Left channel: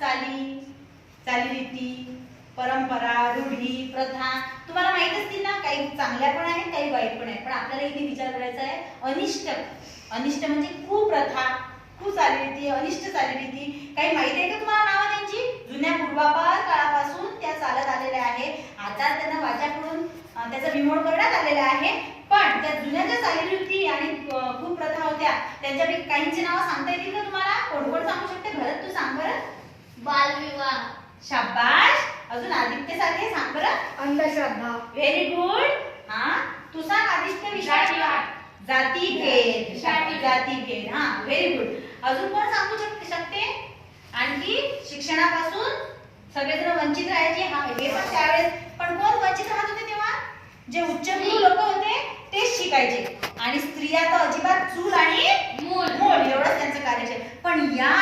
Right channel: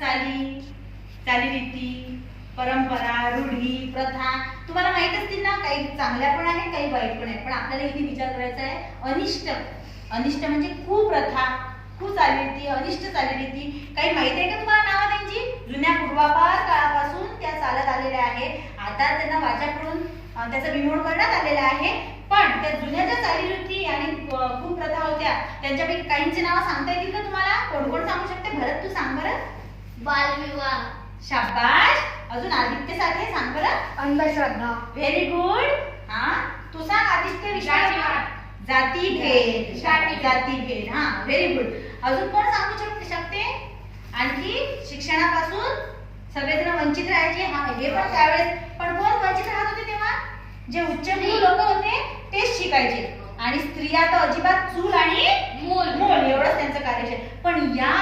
चाली चालीरीती, परंपरा, रूढी, प्रथा तुम्हाला माहित असतील ना. काही चांगल्या पण आहेत, काही वाईट पण आहेत. पण आपल्याला इथे विचार करायचा आहे अनिष्ट. अनिष्ट म्हणजे कुप्रथा, कुचालीरीती, अनिष्ट चालीरीती. काही माहिती आहे का तुम्हाला नावं त्यांची? जुन्या पूर्वापार काळापासून त्या चालत आलेल्या आहे. आता त्यांना वाचा पडून त्याचा विमोड करण्यात आलेला आहे. पण त्या जुन्या ज्या चालीरीती आणि कुप्रथा होत्या त्यांच्यापैकी काहींचे नाव सांगता येतील का तुम्हाला? कोण कोण सांगू शकते? भरत तू सांग बरं. बालविवाह. शाबाश. अजून आदित्य साठे सांग बरं. अंधश्रद्धा. Very good. हा तू सांग आदित्य. विश्वास. जातीभेद. जातीभेद. हा व्हेरी गुड. अजून कोण सांगू शकते? आणखी शिक्षणापासून सगळेजण वंचित राहायचे. हा हे पण त्यावेळेस. पण कोण वंचित राहत होते तेव्हा? जे उच्चभ्रू लोक होते तेच शिकायचे. आणि स्त्रिया तर अजिबात चूल आणि मूल एवढंच त्यांचं कार्य. पण या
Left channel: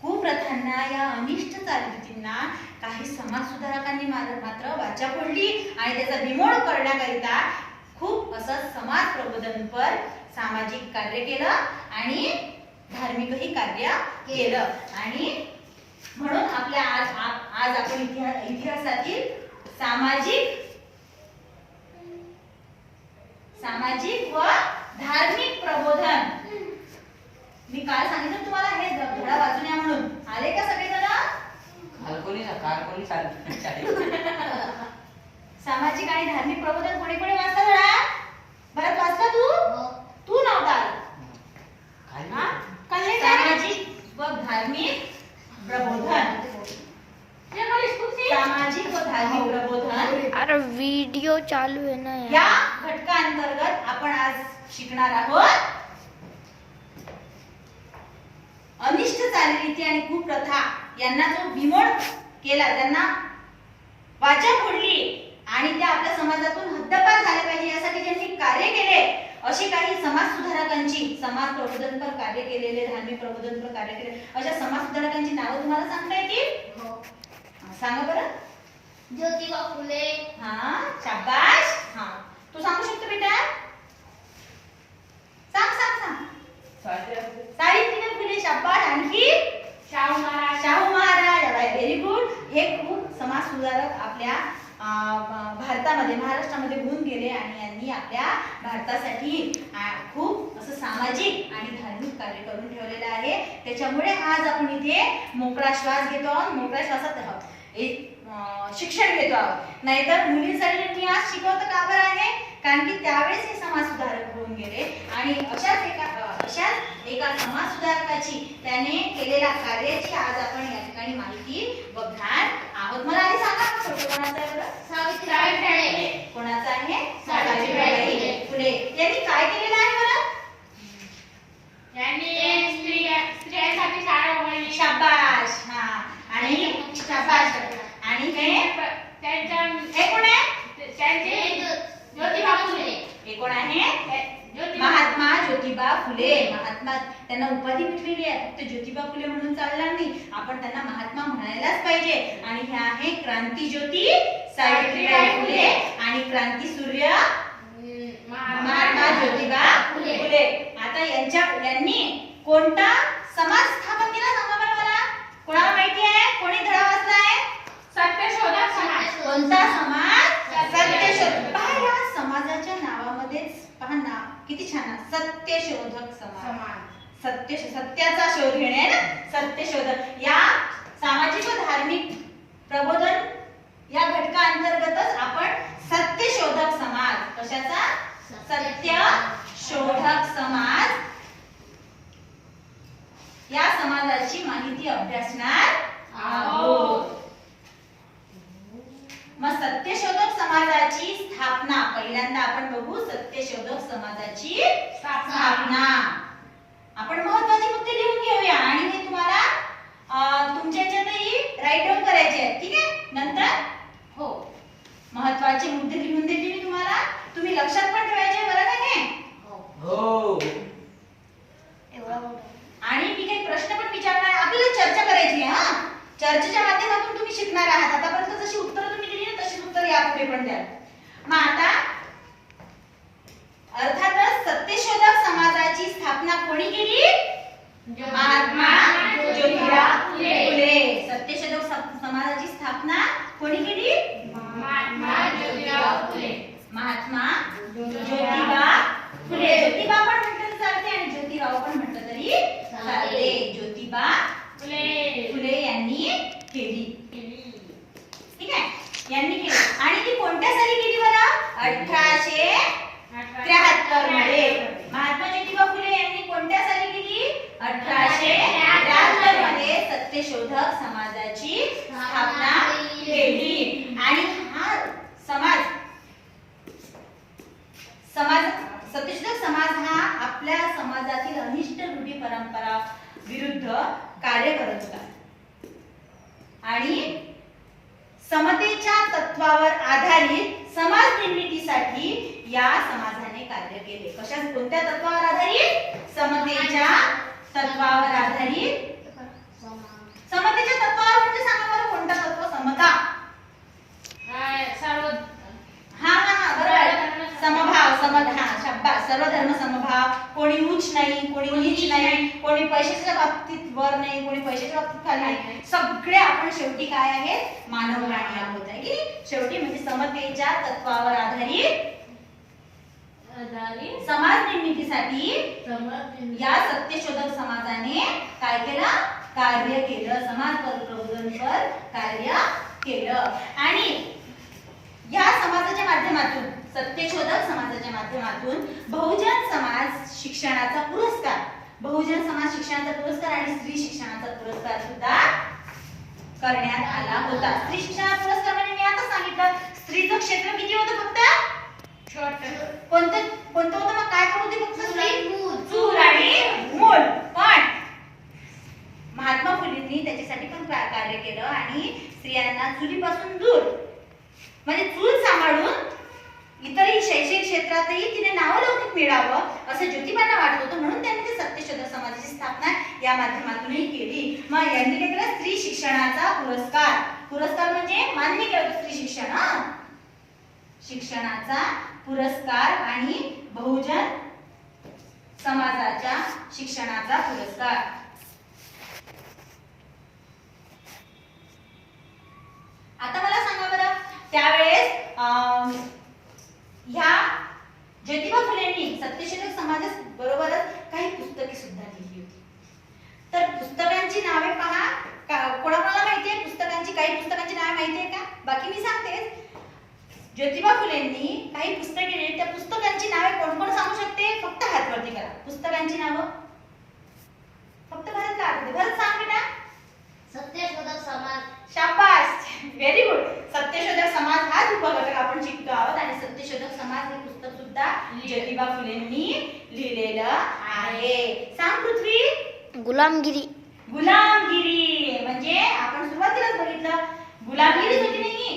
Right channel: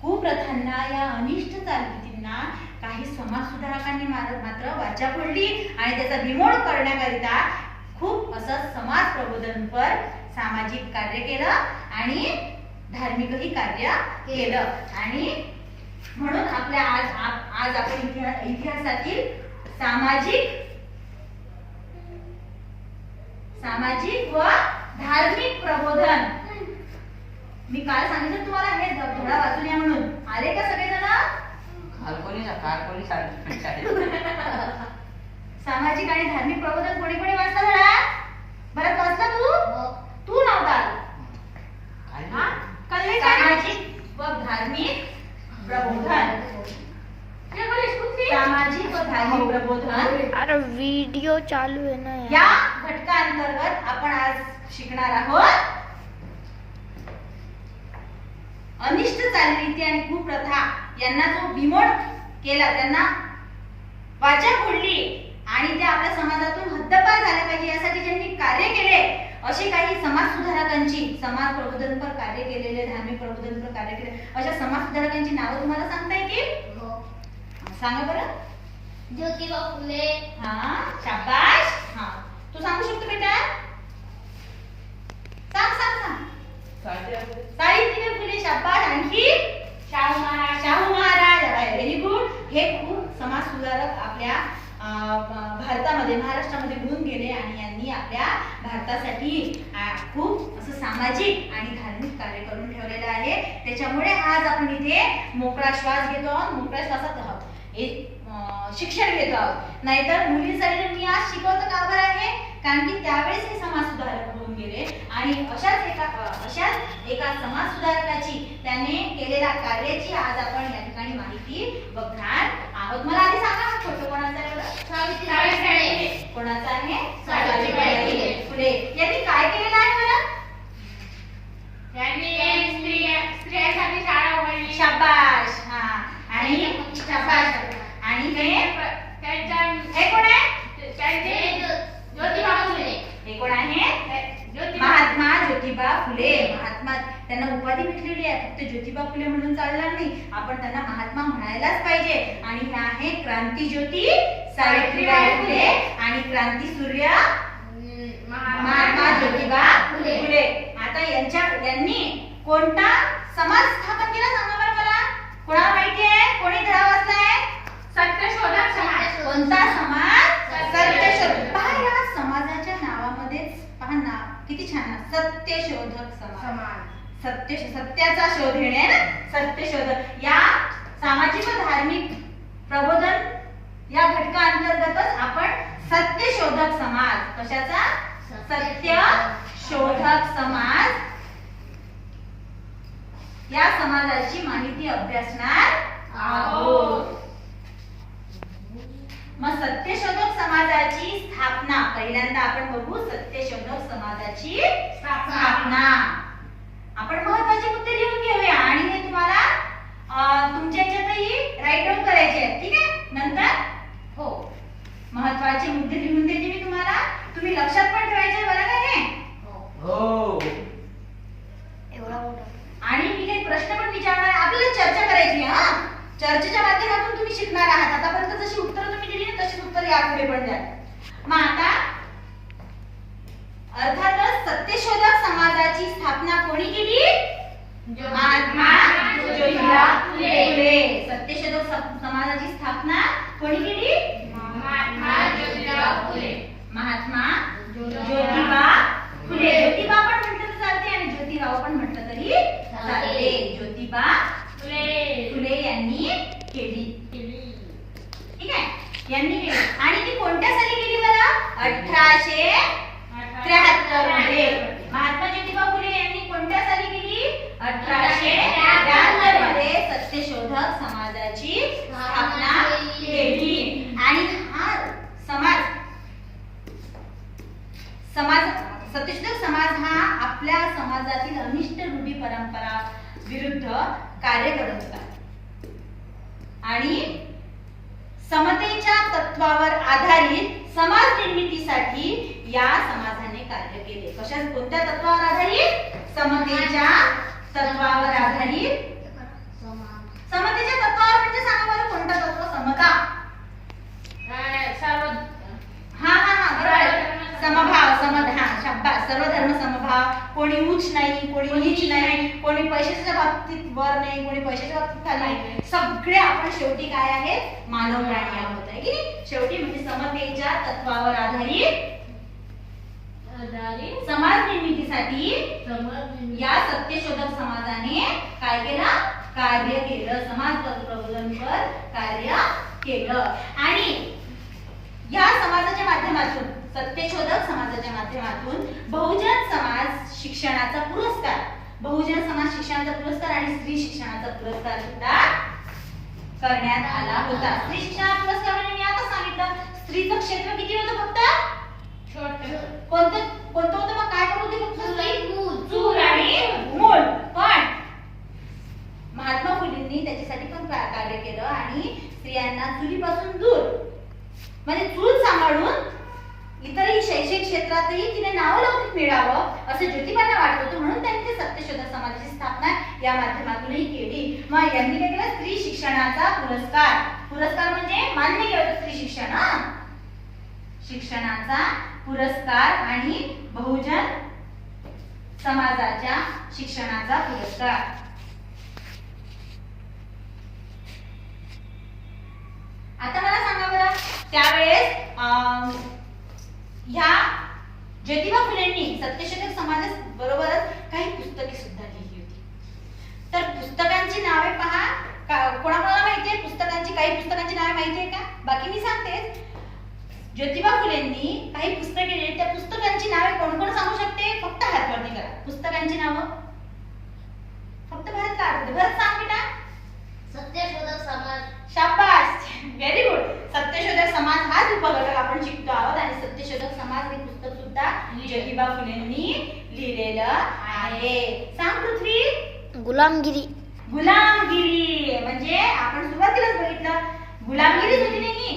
कुप्रथांना, या अनिष्ट चालीरीतींना काही समाज सुधारकांनी मात्र वाचा फोडली आणि त्याचा बिमोड करण्याकरिता खूप असं समाज प्रबोधनपर सामाजिक कार्य केलं आणि धार्मिकही कार्य केलं. आणि म्हणून आपल्या आज आपण इतिहासातील सामाजिक व धार्मिक प्रबोधन. मी काल सांगितलं तुम्हाला हे धडा वाचून या म्हणून. आले का सगळेजण? सामाजिक आणि धार्मिक प्रबोधन कोणी कोणी वाचता धडा? बरं वाचला तू नव्हता. सामाजिक व धार्मिक प्रबोधन. सामाजिक व धार्मिक प्रबोधन. अरे वीडियो चालू आहे ना. या घटकांतर्गत आपण आज शिकणार आहोत अनिष्ट चालीरीती आणि कुप्रथा यांना जो बिमोड केला, त्यांना वाचा फोडली आणि त्या आपल्या समाजातून हद्दपार झाल्या पाहिजे यासाठी ज्यांनी कार्य केले असे काही समाज सुधारकांची, समाज प्रबोधनपर कार्य केलेले, धार्मिक प्रबोधनपर कार्य केले अशा समाज सुधारकांची नावं तुम्हाला सांगता येतील? सांगा बरं. ज्योतिबा फुले. हा शाबाश. हा तू सांगू शकतो बेटा? सांग. सावित्रीबाई फुले. शाबाश. आणखी शाहू महाराज. Very good. हे खूप समाज सुधारक आपल्या भारतामध्ये, महाराष्ट्रामध्ये होऊन गेले आणि यांनी आपल्या भारतासाठी खूप असं सामाजिक आणि धार्मिक कार्य करून ठेवलेलं आहे. त्याच्यामुळे आज आपण इथे मोकळा श्वास घेतो आहोत. मोकळ्या श्वासात शिक्षण घेतो आहोत. नाहीतर मुलींसाठी त्यांनी आज शिकवतं का बरं आहे? कारण की त्यावेळेस हे समाज सुधारक होऊन गेले आणि अशाच एका समाज सुधारकाची त्याने केलेल्या कार्याची आज आपण या ठिकाणी माहिती बघणार आहोत. मला आधी सांगा फोटो कोणाचा आहे बरं? कोणाचा आहे? सावित्रीबाई फुले. यांनी काय केलेलं आहे बरं? स्त्रियांसाठी शाळा उघडली. शाबाश. हा आणि शाबाश. आणि हे कोण आहे? ज्योतिबा फुले. हे कोण आहे? महात्मा ज्योतिबा फुले. महात्मा त्यांना उपाधी भेटलेली आहे. फक्त ज्योतिबा फुले म्हणून चालणार नाही, आपण त्यांना महात्मा म्हणायलाच पाहिजे. आणि हे आहे क्रांती ज्योती सावित्रीबाई फुले आणि क्रांती सूर्य महात्मा ज्योतिबा फुले. आता यांनी कोणता समाज स्थापन केला सांगा बरं मला. कोणाला माहिती आहे? कोणी धडा वाचलाय? सत्यशोधक समाज. कोणता समाज? सत्यशोधक. पहा या समाजाच्या नावामध्येच पहा ना किती छान. सत्यशोधक समाज. सत्याचा शोध घेणे ना, सत्यशोधक. या सामाजिक व धार्मिक प्रबोधन या घटकांतर्गतच आपण सत्यशोधक समाज. कशाचा? सत्यशोधक समाज. या समाजाची माहिती अभ्यासणार आहोत. मग सत्यशोधक समाजाची स्थापना पहिल्यांदा आपण बघू. सत्यशोधक समाजाची स्थापना. आपण महत्त्वाचे मुद्दे लिहून घेऊया आणि हे तुम्हाला तुमच्या याच्यातही राईट डाऊन करायचे आहेत. ठीक आहे? नंतर हो महत्त्वाचे मुद्दे लिहून दिले मी तुम्हाला. तुम्ही लक्षात पण ठेवायचे बरं का हे? हो. आणि मी काही प्रश्न पण विचारणार आहे. आपल्याला चर्चा करायची आहे. हा चर्चेच्या माध्यमातून तुम्ही शिकणार आहात. आतापर्यंत जशी उत्तरं तुम्ही दिली ना तशीच उत्तर यापुढे पण द्या. मग आता अर्थातच सत्यशोधक समाजाची स्थापना कोणी केली? महात्मा ज्योतिबा फुले. यांनी केली. ठीक आहे, यांनी केली. आणि ती कोणत्या साली केली बरं? 1873 मध्ये. महात्मा ज्योतिबा फुले यांनी कोणत्या साली केली? 1873 मध्ये सत्यशोधक समाजाची स्थापना केली. आणि हा समाज सत्यशोधक समाज हा आपल्या समाजातील अनिष्ट रूढी परंपरा विरुद्ध कार्य करत होता आणि समतेच्या तत्वावर आधारित समाज निर्मितीसाठी या समाजाने कार्य केले. कशा कोणत्या तत्वावर आधारित? समतेच्या तत्वावर आधारित. समतेच्या तत्वावर म्हणजे सांगा बरं कोणतं तत्व? समता. हा हा हा बरोबर. समभाव, शब्दात सर्व धर्म समभाव. कोणी उच्च नाही, कोणी नीच नाही, कोणी पैशाच्या बाबतीत वर नाही, कोणी पैशाच्या बाबतीत खाली नाही. सगळे आपण शेवटी काय आहेत? मानव प्राणी आहोत, आहे की नाही? शेवटी म्हणजे समतेच्या तत्वावर आधारित समाज निर्मितीसाठी या सत्यशोधक समाजाने काय केलं? कार्य केलं. समाज प्रबोधनपर कार्य केलं. आणि या समाजाच्या माध्यमातून, सत्यशोधक समाजाच्या माध्यमातून बहुजन समाज शिक्षणाचा पुरस्कार, बहुजन समाज शिक्षणाचा पुरस्कार आणि स्त्री शिक्षणाचा पुरस्कार सुद्धा करण्यात आला होता. स्त्री शिक्षणाचा पुरस्कार म्हणजे मी आता सांगितलं स्त्रीचं क्षेत्र किती होतं? फक्त कोणतं कोणतं होतं? मग काय करत होती? फक्त चूल आणि मूल. पण महात्मा फुलेंनी त्याच्यासाठी पण कार्य केलं आणि स्त्रियांना चुलीपासून दूर म्हणजे चूल सांभाळून इतरही शैक्षणिक क्षेत्रातही तिने नावलौकिक मिळावं असं ज्योतिबांना वाटत होतं. म्हणून त्यांनी ते सत्यशोधक समाजाची स्थापना या माध्यमातूनही केली. मग यांनी काय केलं? स्त्री शिक्षणाचा पुरस्कार. पुरस्कार म्हणजे मान्य केलं होतं स्त्री शिक्षण, शिक्षणाचा पुरस्कार आणि बहुजन समाजाच्या शिक्षणाचा पुरस्कार. आता मला सांगा बरं, त्यावेळेस ह्या ज्योतिबा फुलेंनी सत्यशोधक समाजास बरोबरच काही पुस्तके सुद्धा लिहिली होती. तर पुस्तकांची नावे पहा. कोणाकोणाला माहितीये पुस्तकांची? काही पुस्तकांची नावे माहितीये का? बाकी मी सांगते. ज्योतिबा फुलेंनी काही पुस्तके लिहिली. त्या पुस्तकांची नावे कोण कोण सांगू शकते? फक्त हात वरती करा. पुस्तकांची नावं फक्त भरत का आठवते? भरत सांग बेटा. सत्यशोधक समाज. शाबास, व्हेरी गुड. सत्यशोधक समाज हाच उपघटक आपण शिकतो आहोत. आणि सत्यशोधक समाज हे पुस्तक सुद्धा ज्योतिबा फुलेंनी लिहिलेलं आहे. सांग पृथ्वी. गुलामगिरी. गुलामगिरी म्हणजे आपण सुरुवातीलाच बघितलं गुलामगिरीच होती नाही.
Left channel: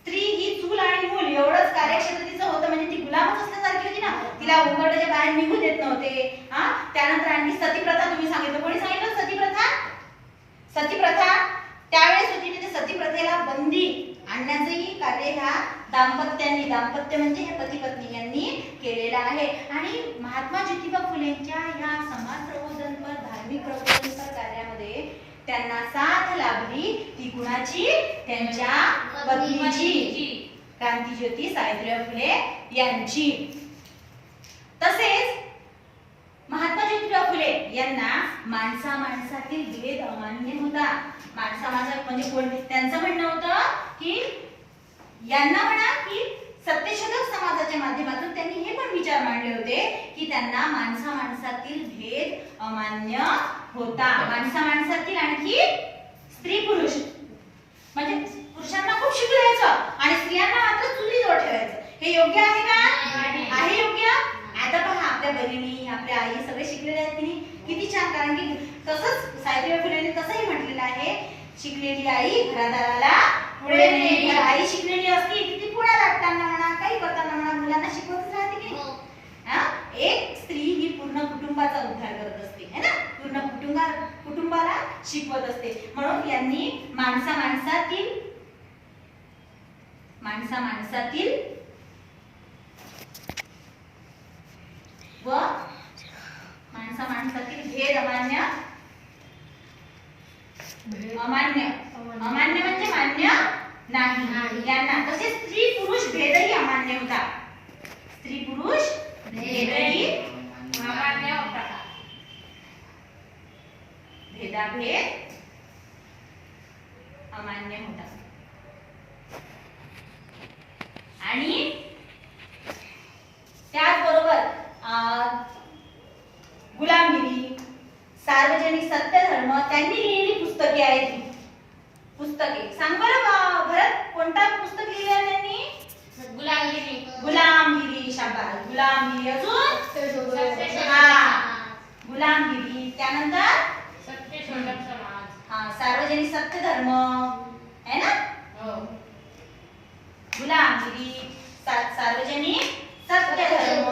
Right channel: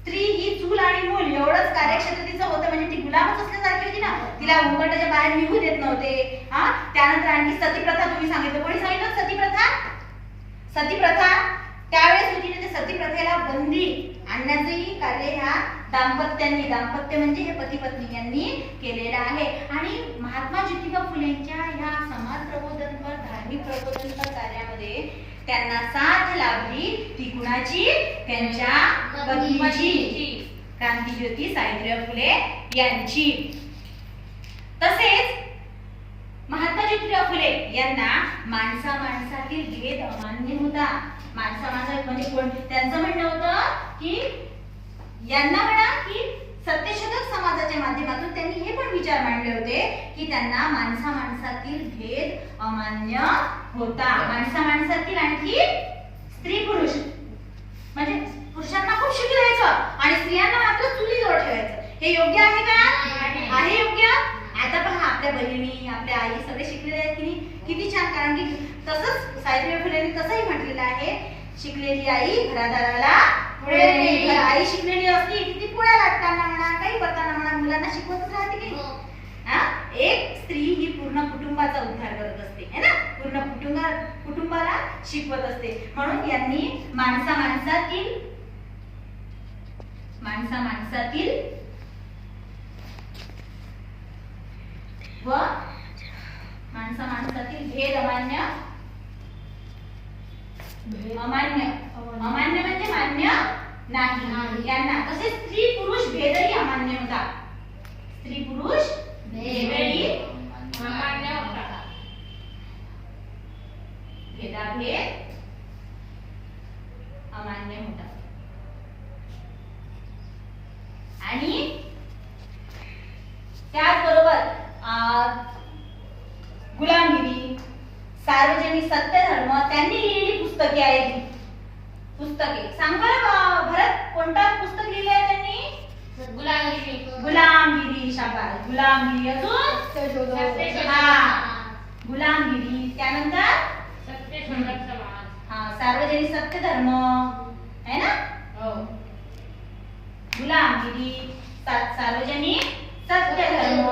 स्त्री ही चूल आणि मूल एवढंच कार्यक्षेत्र तिचं होतं. म्हणजे ती गुलामच असल्यासारखी होती ना. तिला उंबरठ्याच्या बाहेर निघू देत नव्हते. त्यानंतर आणखी सतीप्रथा तुम्ही सांगितलं. कोणी सांगितलं सतीप्रथा? सतीप्रथा त्यावेळेस होती. ते सतीप्रथेला बंदी आणण्याचंही कार्य ह्या दाम्पत्य म्हणजे हे पती पत्नी यांनी केलेलं आहे. आणि महात्मा ज्योतिबा फुलेंच्या ह्या समाज प्रबोधनपर, धार्मिक प्रबोधनपर कार्यामध्ये त्यांना साथ लाभली ती कुणाची? त्यांच्या पत्नीची, क्रांतीज्योती सावित्रीबाई फुले यांची. तसेच महात्मा ज्योतिबा फुले यांना माणसातील भेद अमान्य होता. माणसा म्हणजे कोण? त्यांचं म्हणणं होतं की यांना म्हणा की सत्यशोधक समाजाच्या माध्यमातून त्यांनी हे पण विचार मांडले होते की त्यांना माणसातील भेद अमान्य होता. माणसातील आणखी स्त्री पुरुष म्हणजे पुरुषांना खूप शिकवायचं आणि स्त्रियांना मात्र चुलीजवळ ठेवायचं. हे योग्य आहे का? आहे योग्य. आता पहा आपल्या बहिणी, आपल्या आई सगळे शिकलेले आहेत की किती छान. कारण की तसंच सावित्रीबाई फुलेंनी तसंही म्हटलेलं आहे, शिकलेली आई घरादाराला पुढे नेईल. आई शिकलेली असती की ती पुढे लाटताना म्हणा, काही करताना म्हणा, मुलांना शिकवतच राहते की नाही. एक स्त्री ही पूर्ण कुटुंबाचा उद्धार करत असते है ना. पूर्ण कुटुंबाला शिकवत असते. म्हणून यांनी माणसातील व माणसातील भेद अमान्य म्हणजे मान्य नाही यांना. तसेच स्त्री पुरुष भेदही अमान्य होता. स्त्री पुरुष भेदही अमान्य होता. भेदाभेद अमान्य होतात. आणि त्याचबरोबर गुलामगिरी, सार्वजनिक सत्यधर्म त्यांनी लिहिलेली पुस्तके आहेत. ही पुस्तके सांग बरं भरत, कोणता पुस्तक लिहिलं आहे त्यांनी? गुलामगिरी. शाबास, गुलामगिरी. अजून गुलामगिरी. त्यानंतर सार्वजनिक सत्यधर्म आहे ना. गुलामगिरी, सार्वजनिक सत्यधर्म,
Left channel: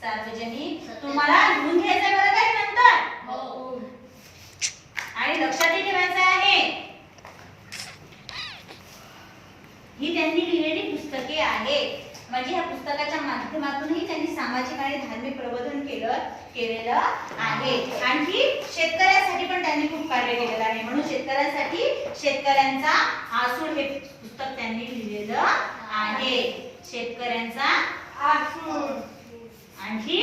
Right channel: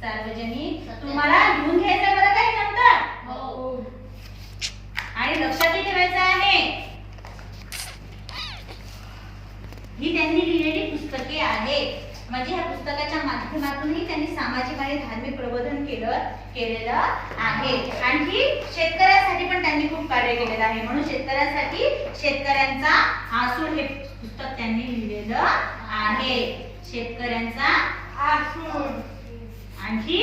सार्वजनिक. तुम्हाला लिहून घ्यायचं बरं काही नंतर, आणि लक्षातही ठेवायचं आहे. ही त्यांनी लिहिलेली पुस्तके आहेत. म्हणजे ह्या पुस्तकाच्या माध्यमातूनही त्यांनी सामाजिक आणि धार्मिक प्रबोधन केलेलं आहे. आणखी शेतकऱ्यांसाठी पण त्यांनी खूप कार्य केलेलं आहे. म्हणून शेतकऱ्यांसाठी शेतकऱ्यांचा आसूड हे पुस्तक त्यांनी लिहिलेलं आहे. शेतकऱ्यांचा आसूड, आणखी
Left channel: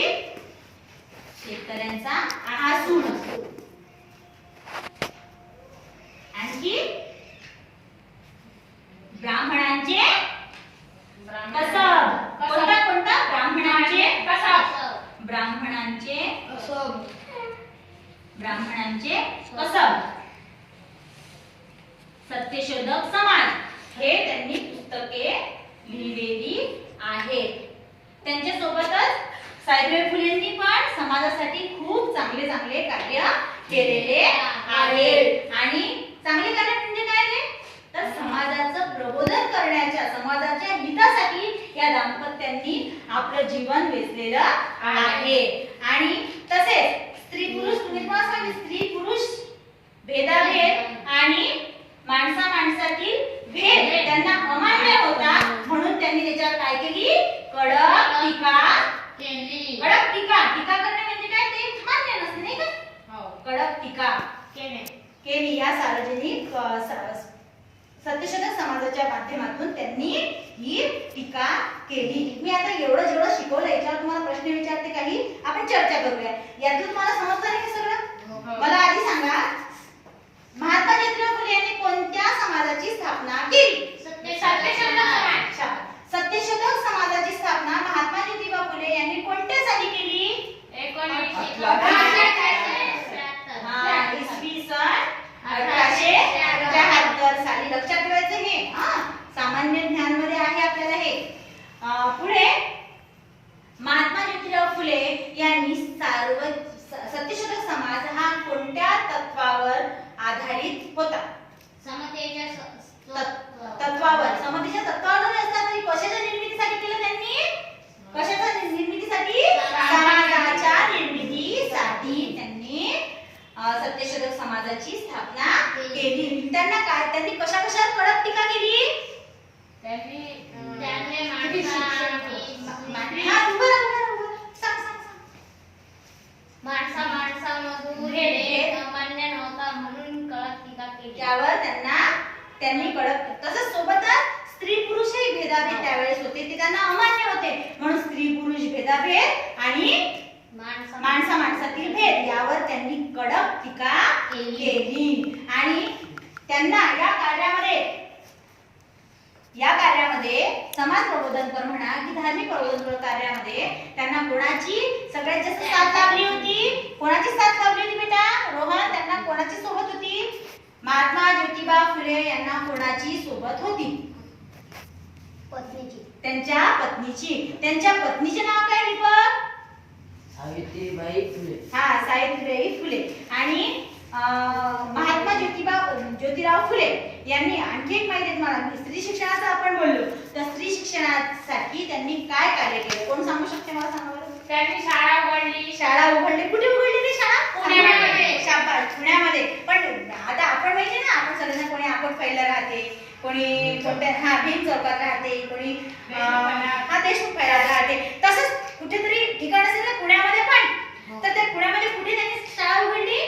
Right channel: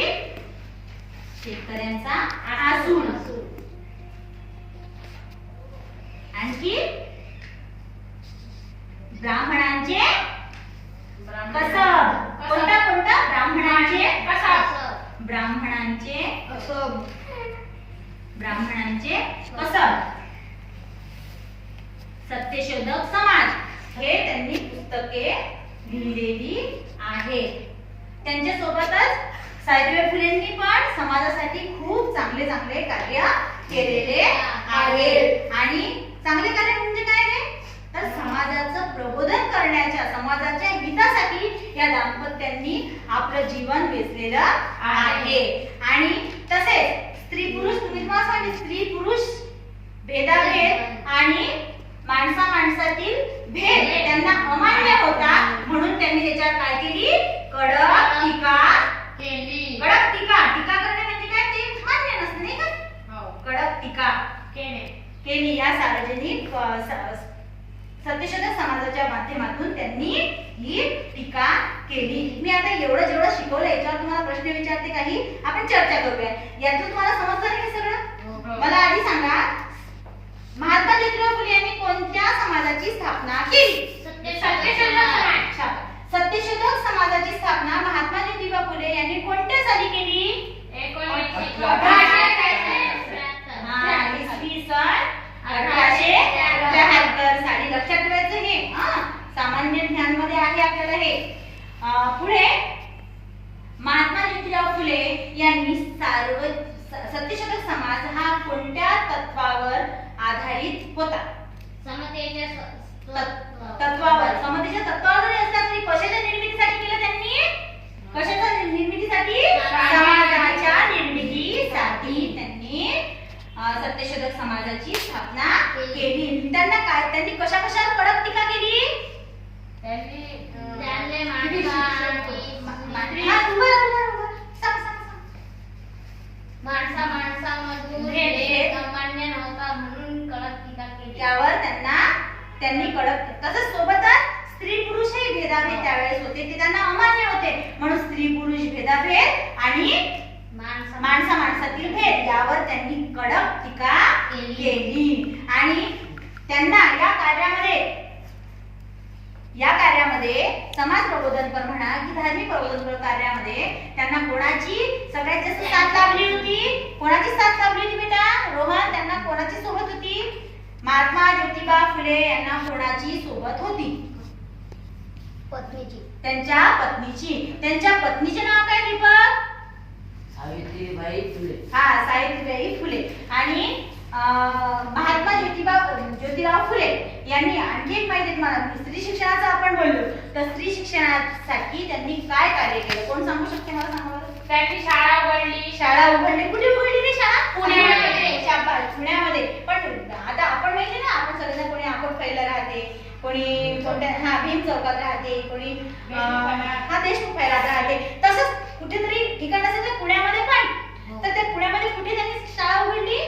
शेतकऱ्यांचा आसूड, आणखी ब्राह्मणांचे कसब. कोणता कोणता? ब्राह्मणांचे कसब, ब्राह्मणांचे कसब, ब्राह्मणांचे कसब. सत्यशोधक समाज हे त्यांनी पुस्तके लिहिलेली आहेत. त्यांच्या सोबतच सावित्रीबाई फुलेंनी पण समाजासाठी खूप चांगले चांगले कार्य केलेले आहे. आणि चांगले कार्य म्हणजे काय रे? तर समाजाचं प्रबोधन करण्याच्या, समाजाच्या हितासाठी या दाम्पत्यांनी आपलं जीवन वेचलेलं आहे. आणि तसेच स्त्री पुरुष, तुम्ही मला सांगितलं, स्त्री पुरुष भेदाभेद आणि माणसा माणसातील भेद त्यांना अमान्य होता. म्हणून त्यांनी त्याच्यावर काय केली? कडक टीका केली. कडक टीका. टीका करणे म्हणजे काय? ते मान्य नसते नाही का? कडक टीका केली. या सार्वजनिक सत्यशोधक समाजाच्या माध्यमातून त्यांनी ही टीका केली. मी आता एवढं जेवढं शिकवलं याच्यावर तुम्हाला प्रश्न विचारते, काही आपण चर्चा करूया. यातून तुम्हाला समजतं नाही सगळं? मला आधी सांगा, महात्मा ज्योतिराव फुले यांनी कोणत्या समाजाची स्थापना केली? सत्यशोधक समाजाची स्थापना महात्मा ज्योतिबा फुले यांनी कोणत्या साली केली? 1873 साली. लक्षात ठेवायचं हे. सामान्य ज्ञान मध्ये आहे आपल्याला हे. पुढे महात्मा ज्योतिराव फुले यांनी सत्यशोधक समाज हा कोणत्या तत्वावर आधारित होता? समतेच्या तत्वावर. समतेच्या तत्वावर जरी असला तरी कशाच्या निर्मितीसाठी केलं त्यांनी? कशाच्या निर्मितीसाठी? समाजाच्या निर्मितीसाठी त्यांनी सत्यशोधक समाजाची स्थापना केली. त्यांना काय, त्यांनी कशा कशावर कडक टीका केली? त्यावर त्यांनी कडक. तसंच सोबतच स्त्री पुरुषही भेदाभेद त्यावेळेस होते, ते त्यांना अमान्य होते. म्हणून स्त्री पुरुष भेदाभेद आणि माणसा माणसातील भेद यावर त्यांनी कडक टीका केली. आणि त्यांना या कार्यामध्ये समाज प्रबोधनपर म्हणा की धार्मिक प्रबोधनपर कार्यामध्ये त्यांना कोणाची सगळ्यात जास्त साथ लाभली होती? कोणाची साथ लाभली होती बेटा? रोहन, त्यांना कोणाची सोबत होती? महात्मा ज्योतिबा फुले यांना कोणाची सोबत होती? पत्नीची. त्यांच्या पत्नीची. त्यांच्या पत्नीचे नाव काय दीपक? सावित्रीबाई फुले. सावित्रीबाई फुले. आणि महात्मा ज्योतिराव फुले यांनी आणखी एक माहिती तुम्हाला, स्त्री शिक्षणाचं आपण बोललो, तर स्त्री शिक्षणासाठी त्यांनी काय कार्य केलं? कोण सांगू शकते मला? सांगा बरं. त्यांनी शाळा उघडली. शाळा उघडली. कुठे उघडली ती शाळा? पुण्यामध्ये. शाबास, पुण्यामध्ये. पण आता आपण माहिती ना, आपण सगळ्यांना कोणी आपण पहिला राहते, कोणी भीम चौकात राहते, कोणी देशमुख पहिला राहते. तसंच कुठेतरी ठिकाण असेल ना पुण्यामध्ये पण. तर त्या पुण्यामध्ये कुठे त्यांनी शाळा उघडली?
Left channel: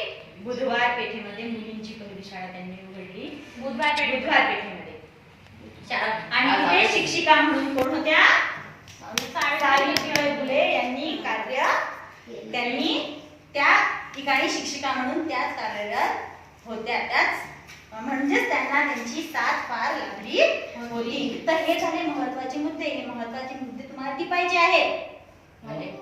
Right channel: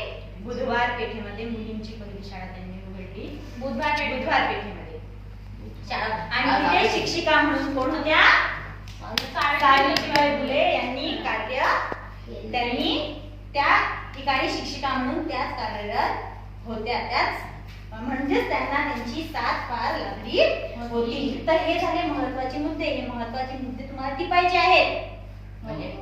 बुधवार पेठेमध्ये मुलींची पहिली शाळा त्यांनी उघडली. बुधवार पेठेमध्ये. आणि तिथे शिक्षिका म्हणून कोण होत्या? सावित्रीबाई फुले यांनी कार्य, त्यांनी त्या ठिकाणी शिक्षिका म्हणून त्याच कार्यरत होत्या, त्याच म्हणजेच त्यांना त्यांची साथ फार लागली होती. तर हे झाले महत्वाचे मुद्दे. हे महत्वाचे मुद्दे तुम्हाला टिपायचे आहेत.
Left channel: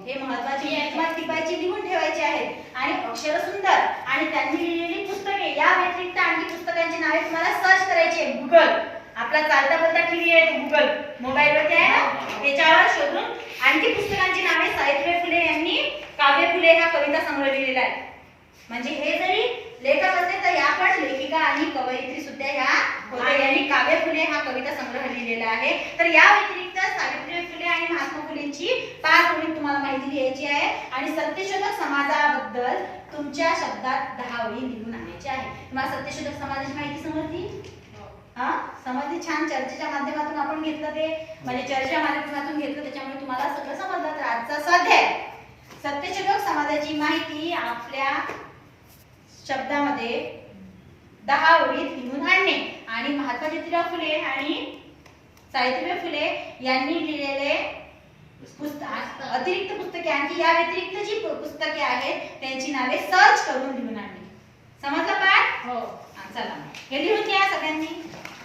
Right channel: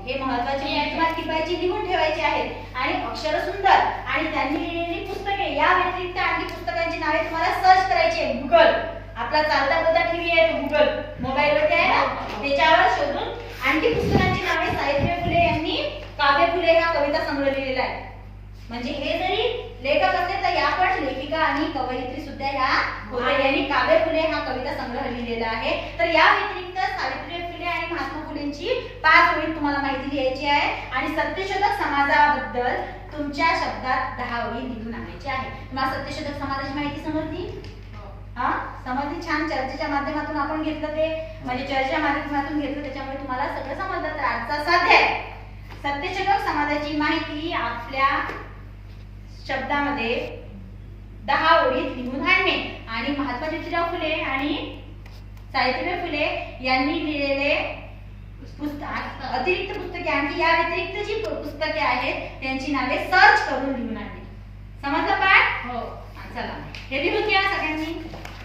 हे महत्वाचे मुद्दे तुम्हाला टिपायचे, लिहून ठेवायचे आहेत. आणि अक्षर सुंदर आणि त्यांनी लिहिलेली पुस्तके या व्यतिरिक्त आणखी पुस्तकांची नावे तुम्हाला सर्च करायची आहे. गुगल आपला चालता बोलता टीव्ही आहे, गुगल मोबाईल वरती आहे ना, त्याच्यावर शोधून आणखी पुस्तकांची नावे. सावित्रीबाई फुले यांनी काव्य फुले हा कविता संग्रह लिहिलेला आहे. म्हणजे हे जरी लेखक असले तर या पण लेखिका आणि कवयित्री सुद्धा ह्या होत्या. यांनी काव्य फुले हा कविता संग्रह लिहिलेला आहे. तर या व्यतिरिक्त सावित्रीबाई फुले आणि महात्मा फुलेंची 5 ओळी तुम्हाला माहिती लिहायची आहे. आणि सत्यशोधक समाजाबद्दल तुमच्या शब्दात 10 ओळी लिहून आणायची आहे. तुम्हाला सत्यशोधक समाजाची माहिती समजली? हा समजली. छान. चर्चेच्या माध्यमातून आपण घेतलं ते, म्हणजे चर्चेच्या माध्यमातून घेतलं, त्याच्यामुळे तुम्हाला सगळं समजलं. तर आजचा स्वाध्याय सत्यशोधक समाजाची माहिती आपल्या शब्दामध्ये 10 ओळीत लिहून आणणे. आणि महात्मा ज्योतिराव फुले आणि सावित्रीबाई फुले यांनी लिहिलेले पुस्तक, अतिरिक्त पुस्तके, आणखी या व्यतिरिक्त जी पुस्तके आहेत त्यांची नावे सर्च करून लिहून आणणे. समजलं पाठ? हो. चला हे लिहून घ्या सगळ्यांनी.